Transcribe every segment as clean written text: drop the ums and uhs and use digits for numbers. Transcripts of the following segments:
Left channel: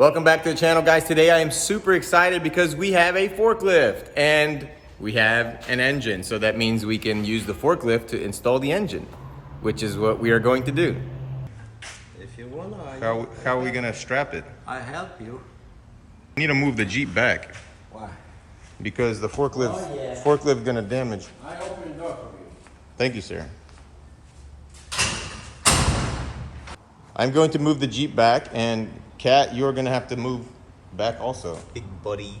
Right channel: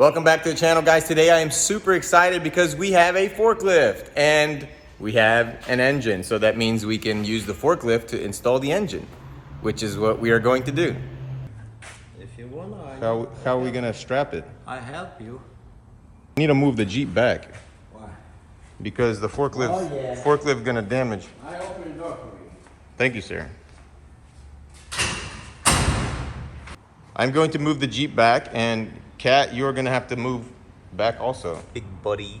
Welcome back to the channel, guys. Today I am super excited because we have a forklift and we have an engine. So that means we can use the forklift to install the engine, which is what we are going to do. If you wanna, How are we gonna strap it? I help you. I need to move the Jeep back Why? because the forklift gonna damage. I open the door for you. Thank you, sir. I'm going to move the Jeep back, and Kat, you're gonna have to move back also. Big buddy.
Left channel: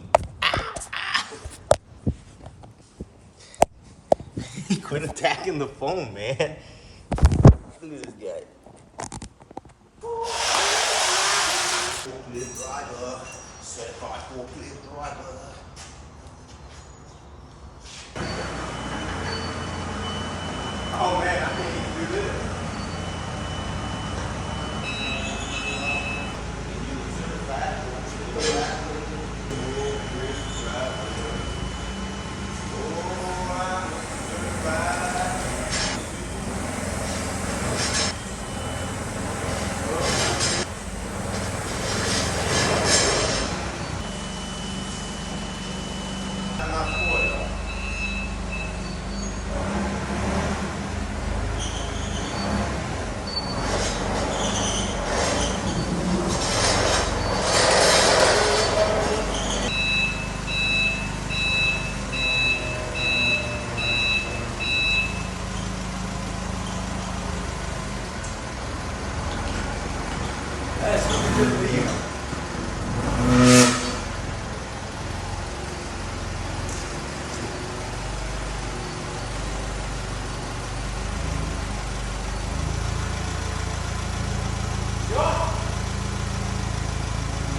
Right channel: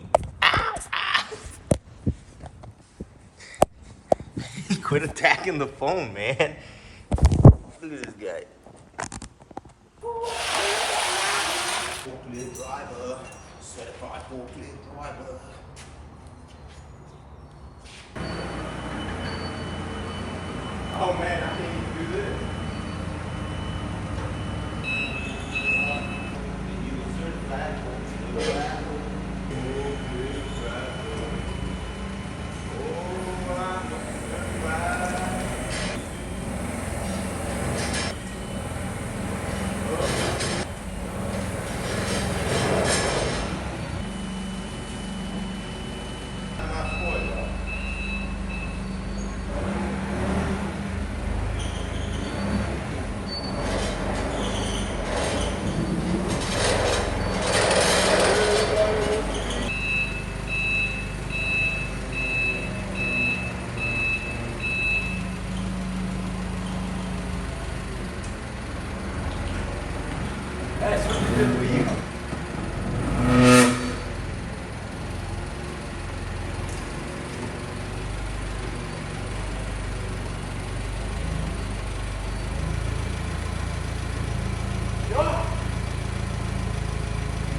Quit attacking the phone, man. Look at this guy. Forklift driver, certified forklift driver. Oh man, I can't even do this.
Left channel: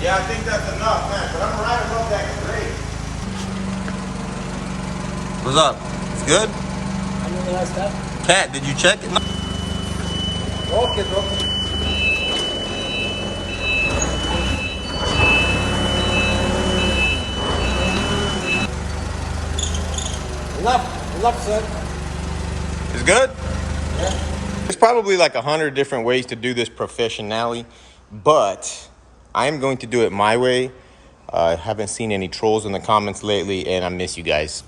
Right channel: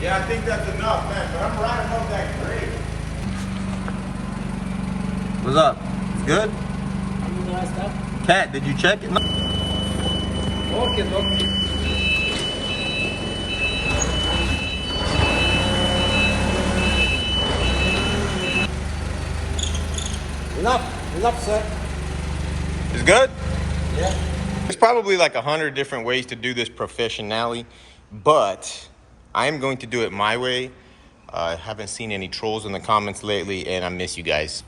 Yeah, I think that's enough, man, but I'm right above that grade. What's up? It's good? I know the last step. Kat, did you check it? No. Okay, look. Enough, sir. It's good? Yeah. There's probably like 100 different ways to do this professionally, but I'm going to do it my way. I haven't seen any trolls in the comments lately, and I miss you guys.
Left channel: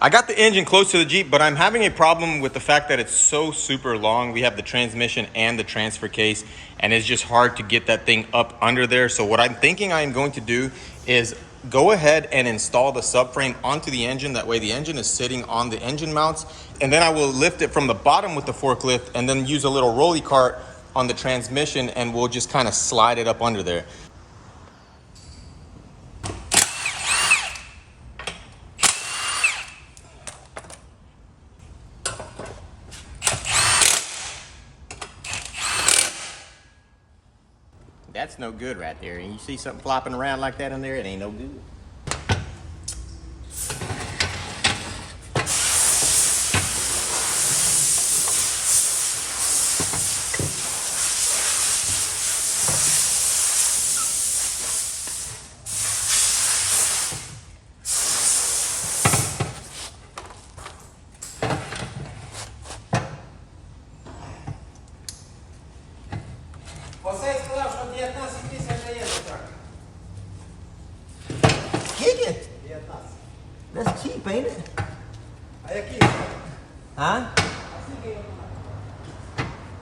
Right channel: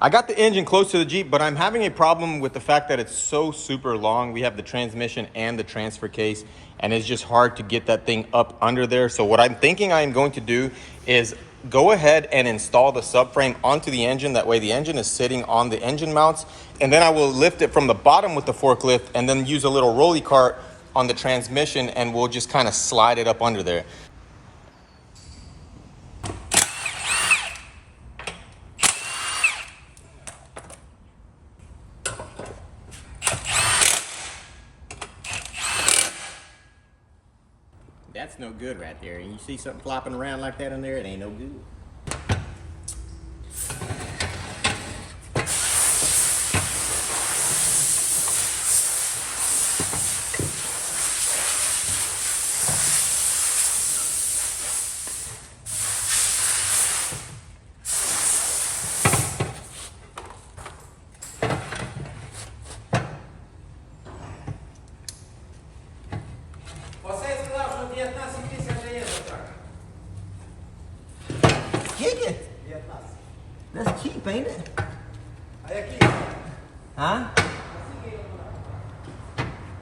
I got the engine close to the Jeep, but I'm having a problem with the fact that it's so super long. We have the transmission and the transfer case, and it's just hard to get that thing up under there. So what I'm thinking I'm going to do is go ahead and install the subframe onto the engine. That way the engine is sitting on the engine mounts, and then I will lift it from the bottom with the forklift and then use a little rolly cart on the transmission, and we'll just kind of slide it up under there. That's no good right there. And you see something flopping around like that in there, it ain't no good. ain't it? Aí aqui. Huh?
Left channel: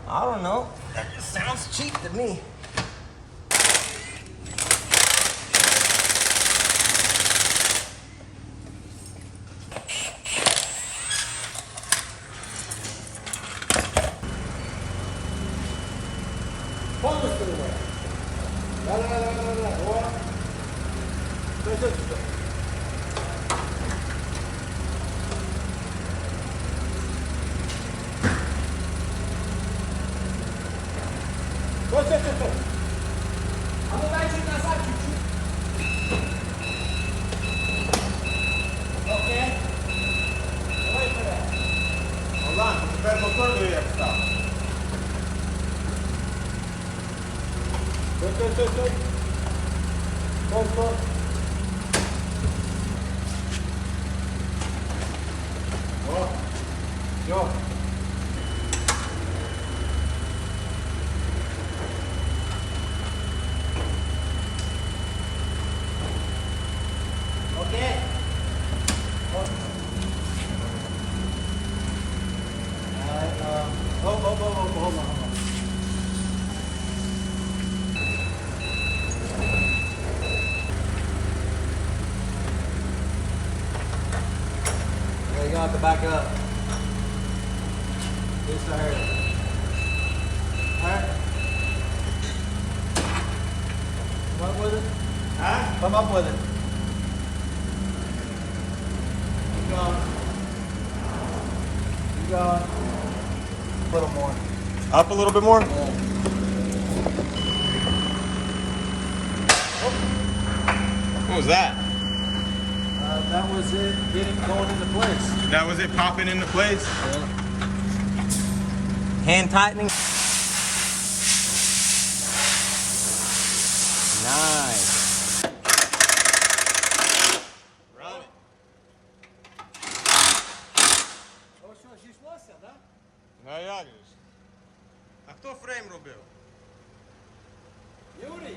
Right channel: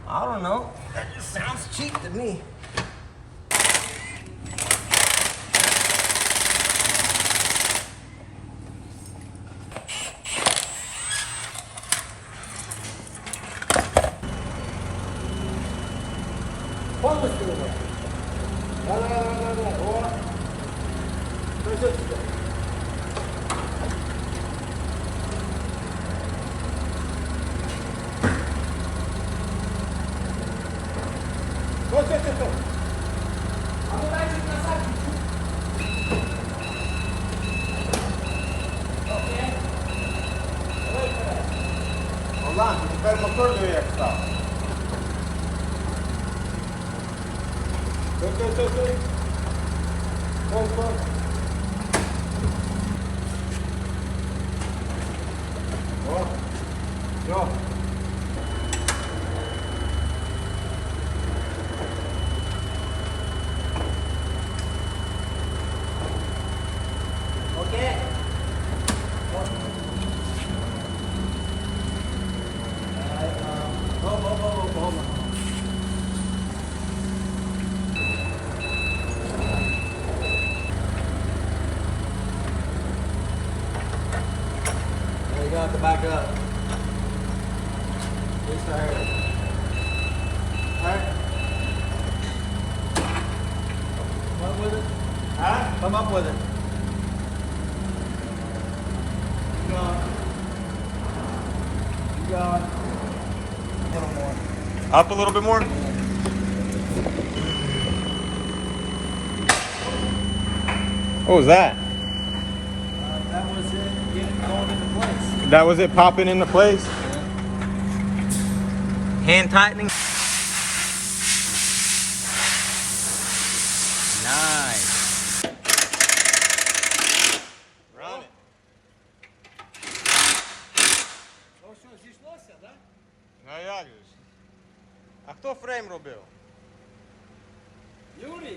I don't know. That just sounds cheap to me. Vamos, Silva. Vai lá. Boa. Stój. A no dajcie na Okej. Dawaj teraz. Olá, espera o motor do jak está. Stój. Stop. Ó. Jo. Okay. Hold on. There you go, have to back up. Just to hurt. Alright. Come up with it. Huh? Come up with it. Keep going. Keep going. A little more. Up a little bit more? What was that? That was it going into place. That was it popping into place? Yeah. Hand tightening. Nice. Run it. Ось зійшлося, да? No jak już. A kto frame robił? Юрій.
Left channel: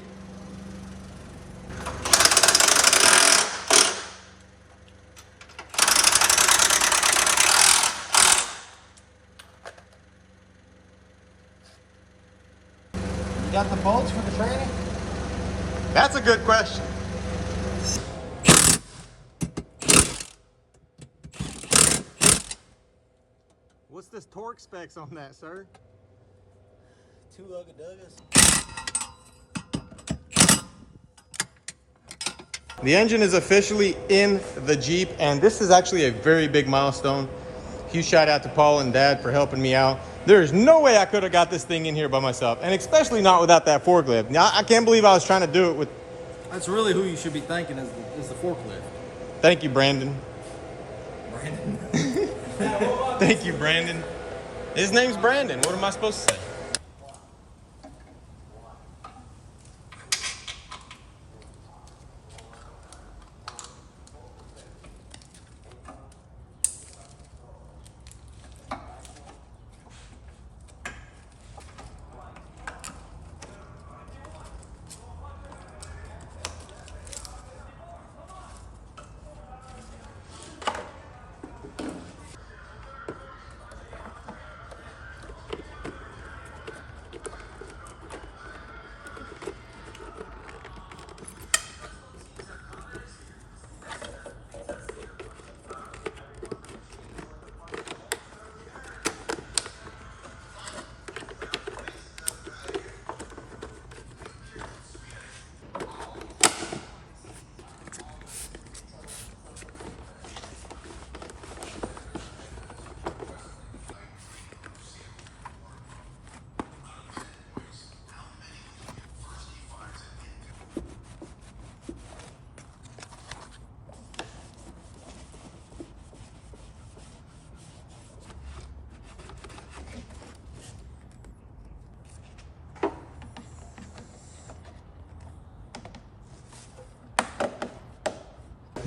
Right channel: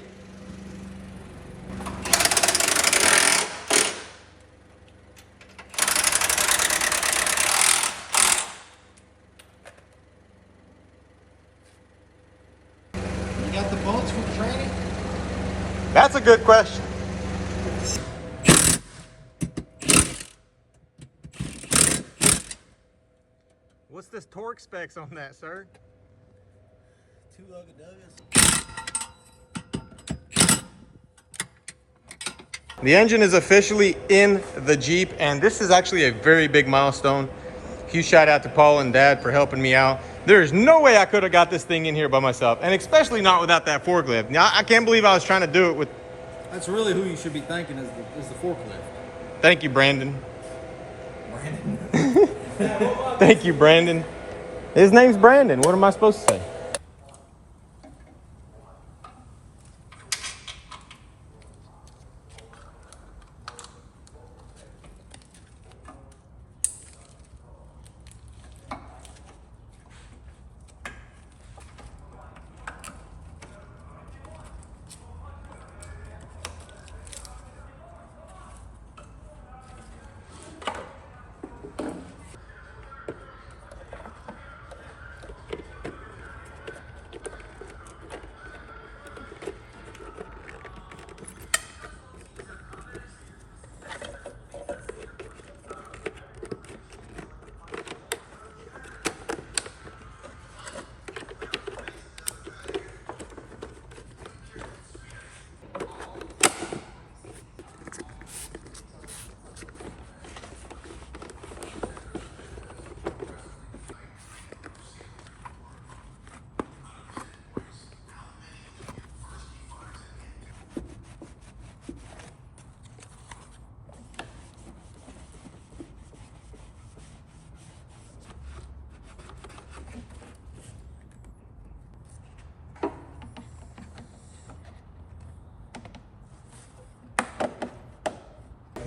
You got the bones for the training? That's a good question. What's this torque specs on that, sir? 2 ugga-duggas. The engine is officially in the Jeep, and this is actually a very big milestone. Huge shout out to Paul and Dad for helping me out. There is no way I could have got this thing in here by myself, and especially not without that forklift. Now, I can't believe I was trying to do it with... That's really who you should be thanking is the forklift. Thank you, Brandon. Thank you, Brandon. His name's Brandon. What am I supposed to say?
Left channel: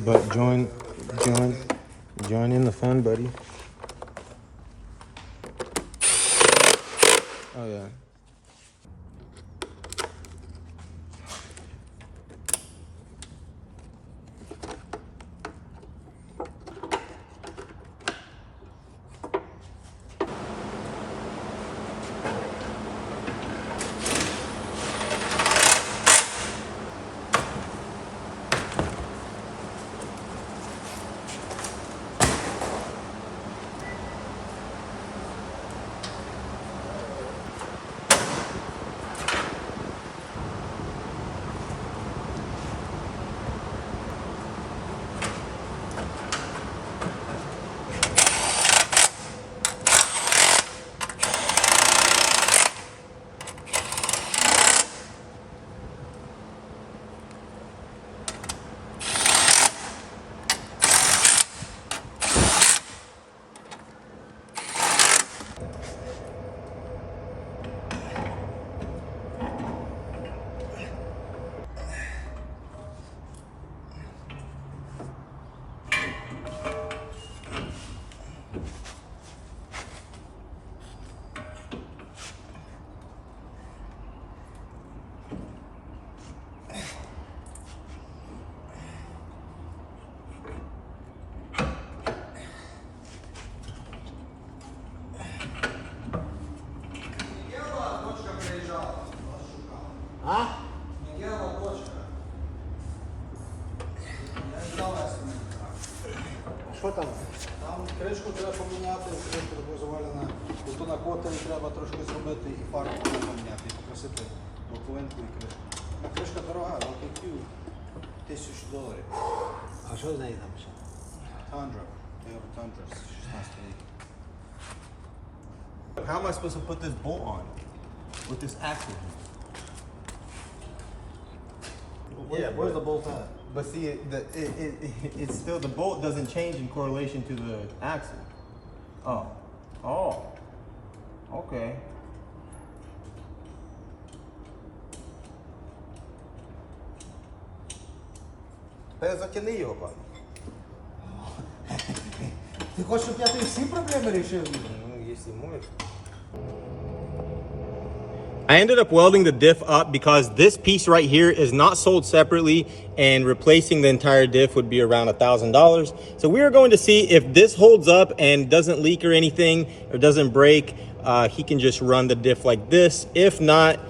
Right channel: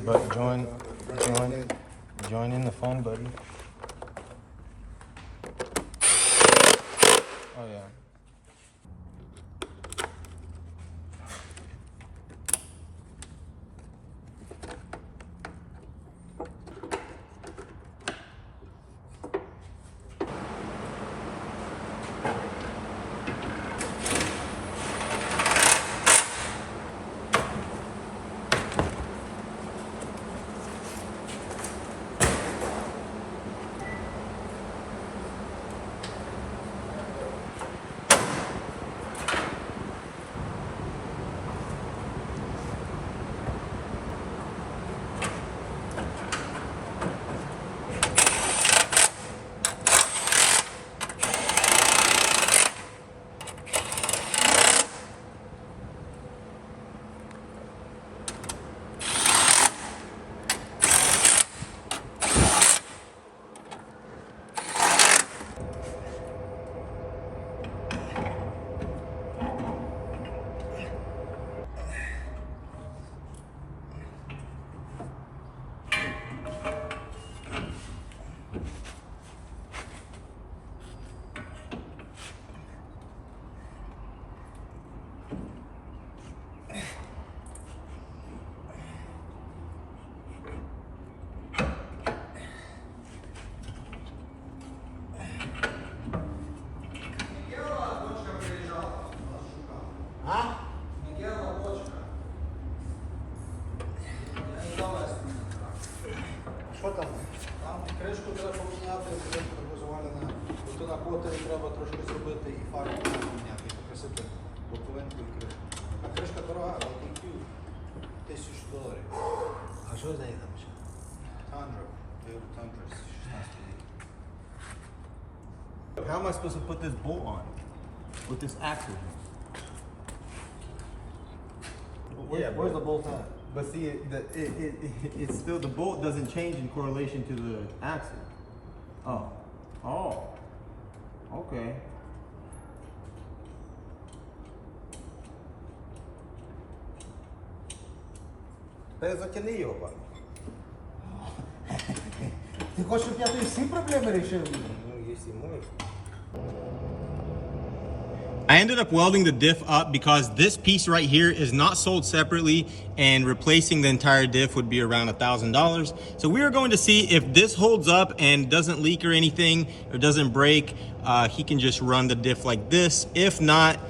But join in the fun, buddy. Oh yeah. Що там? Там кришку треба поміняти, щоб завалена. Тут на котері треба трошки зробити і фарбу поміняти, покрасити боковинку і кришку. А кришка дорога, але купив $1000. А що з нею там ще? Tundra, Toyota Tundra з 16 років. How am I supposed to put this bolt on with this axle here? Where's the bolt at? But see, it's still, the bolt doesn't change in correlation to the axle. Oh, okay. Та затяни його, пане. Ти хочеш, щоб я тобі всі проблеми рішив? Ну, якщо можеш. I ended up welding the diff up because this piece right here is not sold separately, and replacing the entire diff would be around $1,000. So we are going to see if this holds up and doesn't leak or anything, or doesn't break. He can just run the diff like this. If not,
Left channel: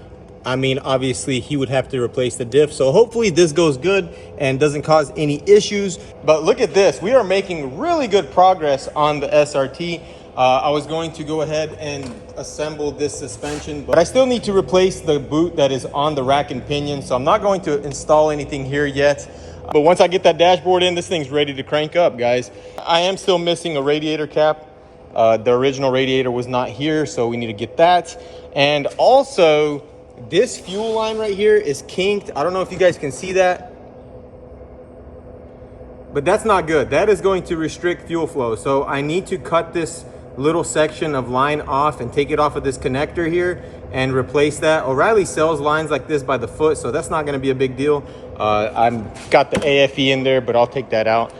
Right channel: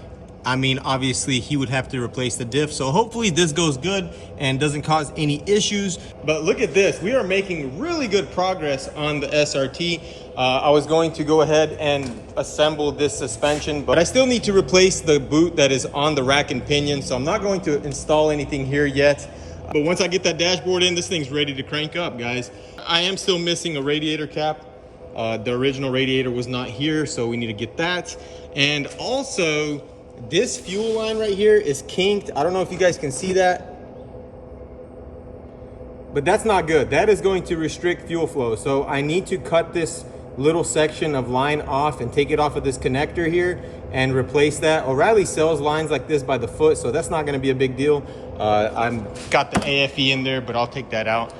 I mean, obviously he would have to replace the diff. So hopefully this goes good and doesn't cause any issues. But look at this, we are making really good progress on the SRT. I was going to go ahead and assemble this suspension, but I still need to replace the boot that is on the rack and pinion. So I'm not going to install anything here yet. But once I get that dashboard in, this thing's ready to crank up, guys. I am still missing a radiator cap. The original radiator was not here, so we need to get that. And also, this fuel line right here is kinked. I don't know if you guys can see that, but that's not good. That is going to restrict fuel flow. So I need to cut this little section of line off and take it off of this connector here and replace that. O'Reilly sells lines like this by the foot, so that's not going to be a big deal. I've got the AFE in there, but I'll take that out.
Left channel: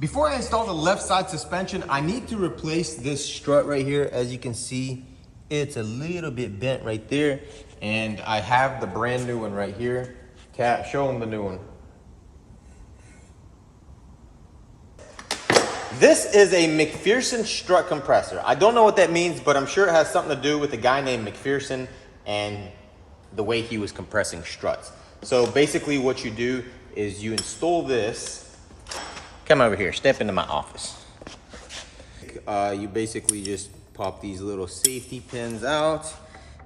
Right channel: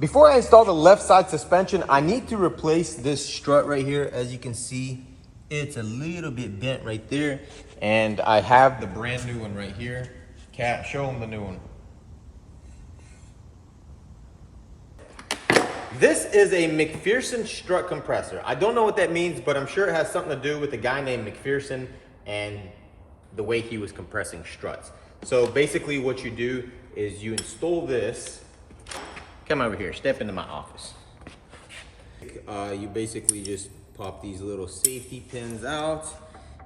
Before I install the left side suspension, I need to replace this strut right here. As you can see, it's a little bit bent right there, and I have the brand new one right here. Cat, show them the new one. This is a McPherson strut compressor. I don't know what that means, but I'm sure it has something to do with a guy named McPherson and the way he was compressing struts. So basically what you do is you install this. Come over here, step into my office. You basically just pop these little safety pins out.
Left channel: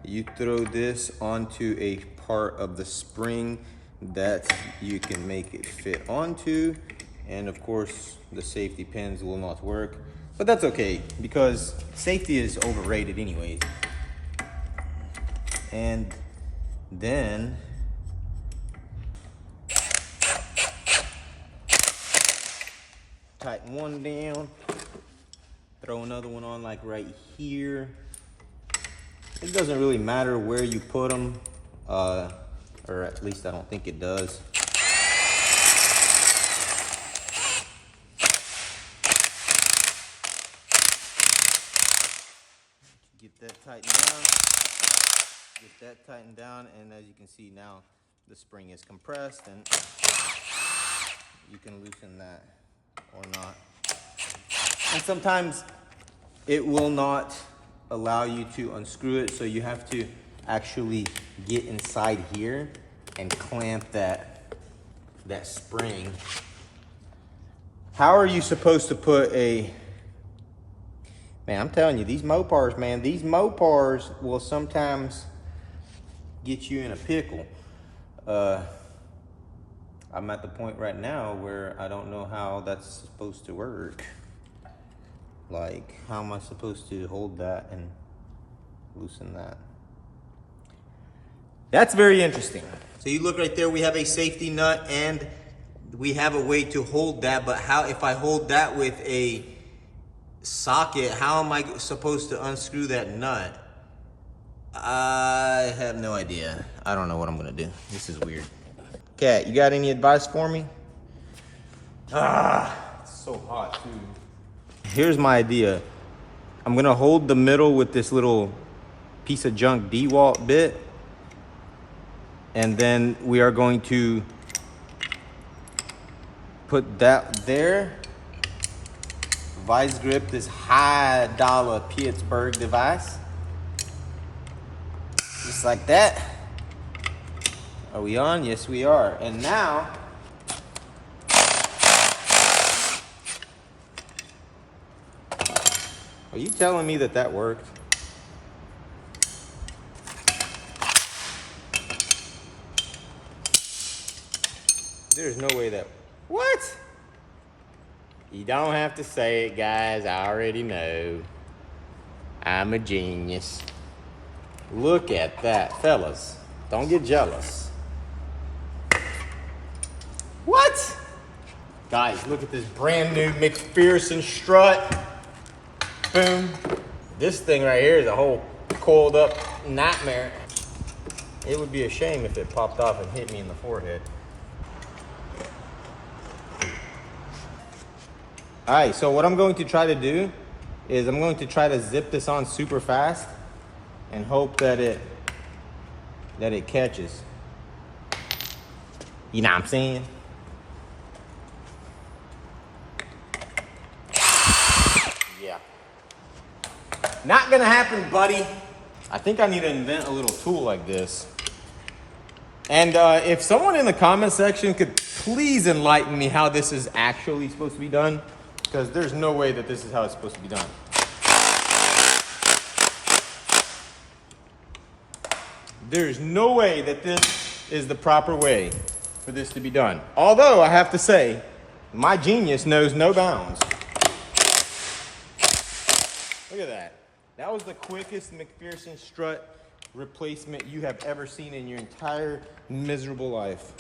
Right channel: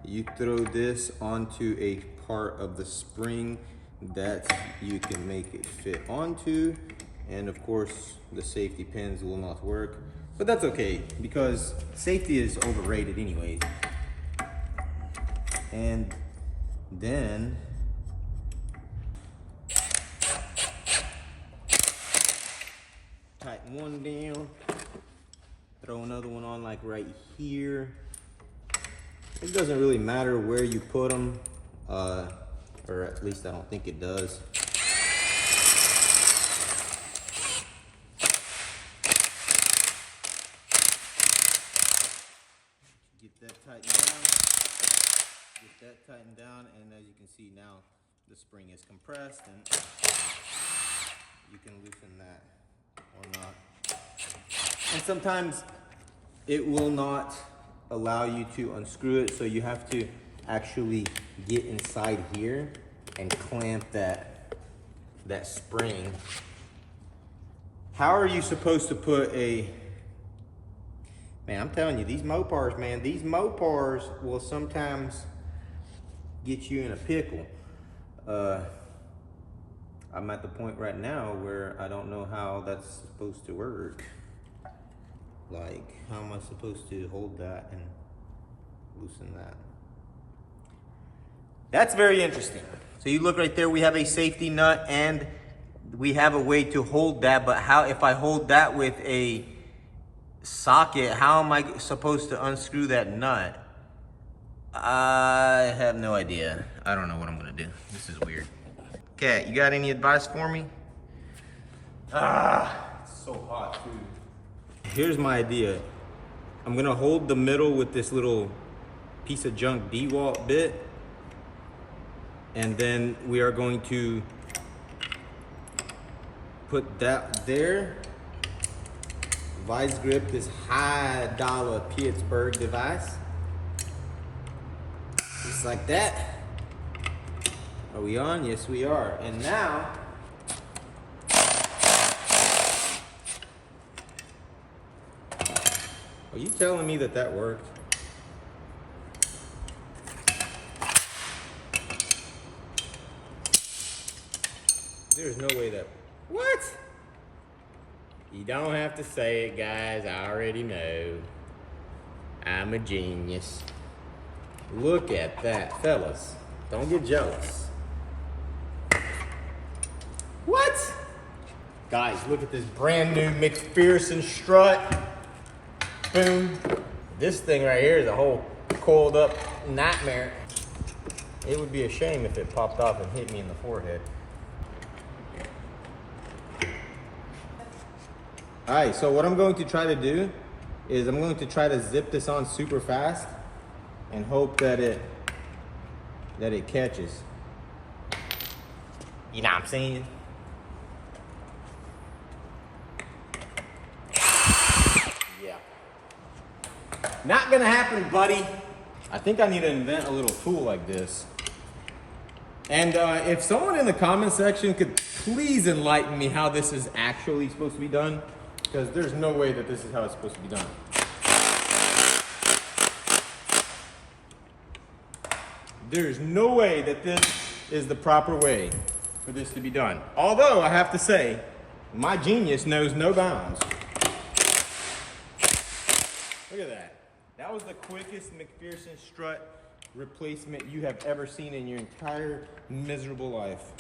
You throw this onto a part of the spring that you can make it fit onto. And of course, the safety pins will not work, but that's okay because safety is overrated anyways. And then tighten one down, throw another one on like right here. It doesn't really matter where you put them, or at least I don't think it does. Get that tightened down, and as you can see now, the spring is compressed, and you can loosen that or not. And sometimes it will not allow you to unscrew it. So you have to actually get inside here and clamp that spring. How are you supposed to put a, man, I'm telling you, these Mopars, man, these Mopars will sometimes get you in a pickle. I'm at the point right now where I don't know how that's supposed to work. Like, how am I supposed to hold that and loosen that? That's very interesting. So you look right there, we have a safety nut and we have a way to hold that, but how, if I hold that with a socket, how am I supposed to unscrew that nut? I have no idea. I don't know what I'm gonna do. This is weird. Kat, you got any advice for me? It's so hot too. Here's my idea. I'm gonna hold the middle with this little piece of junk DeWalt bit. And then we are going to put that there. Vice grip this high dollar Pittsburgh device. Just like that. Are we on? Yes, we are. And now, are you telling me that that worked? There's no way that, what? You don't have to say it, guys. I already know. I'm a genius. Look at that, fellas. Don't get jealous. What? Guys, look at this brand new McPherson strut. Boom. This thing right here is a whole coiled up nightmare. It would be a shame if it popped off and hit me in the forehead. All right, so what I'm going to try to do is I'm going to try to zip this on super fast and hope that it catches. You know what I'm saying? Yeah. Not gonna happen, buddy. I think I need to invent a little tool like this. And if someone in the comment section could please enlighten me how this is actually supposed to be done, because there's no way that this is how it's supposed to be done. There's no way that this is the proper way for this to be done. Although I have to say, my genius knows no bounds. Look at that. That was the quickest McPherson strut replacement you have ever seen in your entire miserable life.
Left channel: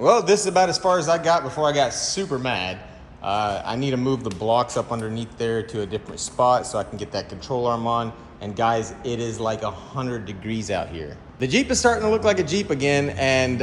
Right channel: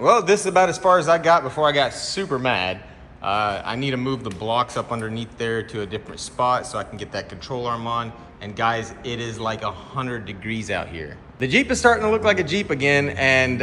Well, this is about as far as I got before I got super mad. I need to move the blocks up underneath there to a different spot so I can get that control arm on. And guys, it is like 100 degrees out here. The Jeep is starting to look like a Jeep again, and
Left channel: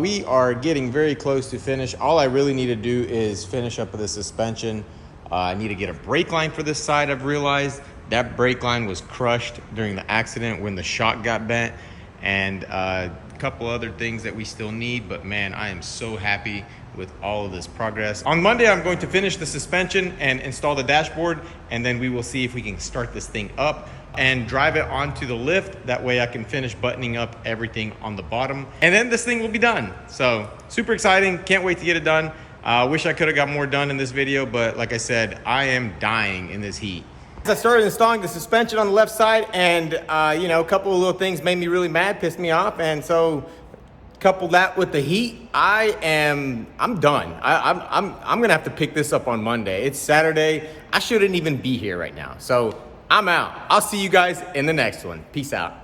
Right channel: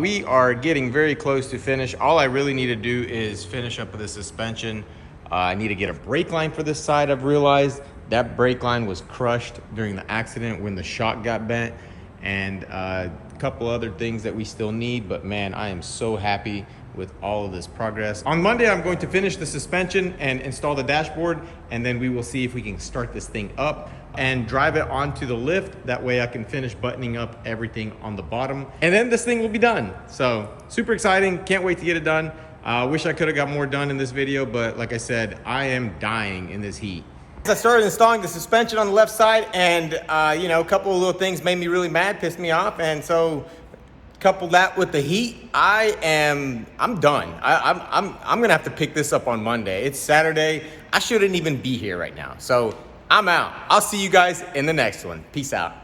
we are getting very close to finish. All I really need to do is finish up with the suspension. I need to get a brake line for this side. I've realized that brake line was crushed during the accident when the shock got bent, and a couple other things that we still need, but man, I am so happy with all of this progress. On Monday, I'm going to finish the suspension and install the dashboard, and then we will see if we can start this thing up and drive it onto the lift. That way I can finish buttoning up everything on the bottom, and then this thing will be done. So super exciting, can't wait to get it done. Wish I could have got more done in this video, but like I said, I am dying in this heat. I started installing the suspension on the left side, and you know, a couple of little things made me really mad, pissed me off, and so couple that with the heat, I'm done. I'm gonna have to pick this up on Monday. It's Saturday. I shouldn't even be here right now. So I'm out. I'll see you guys in the next one. Peace out.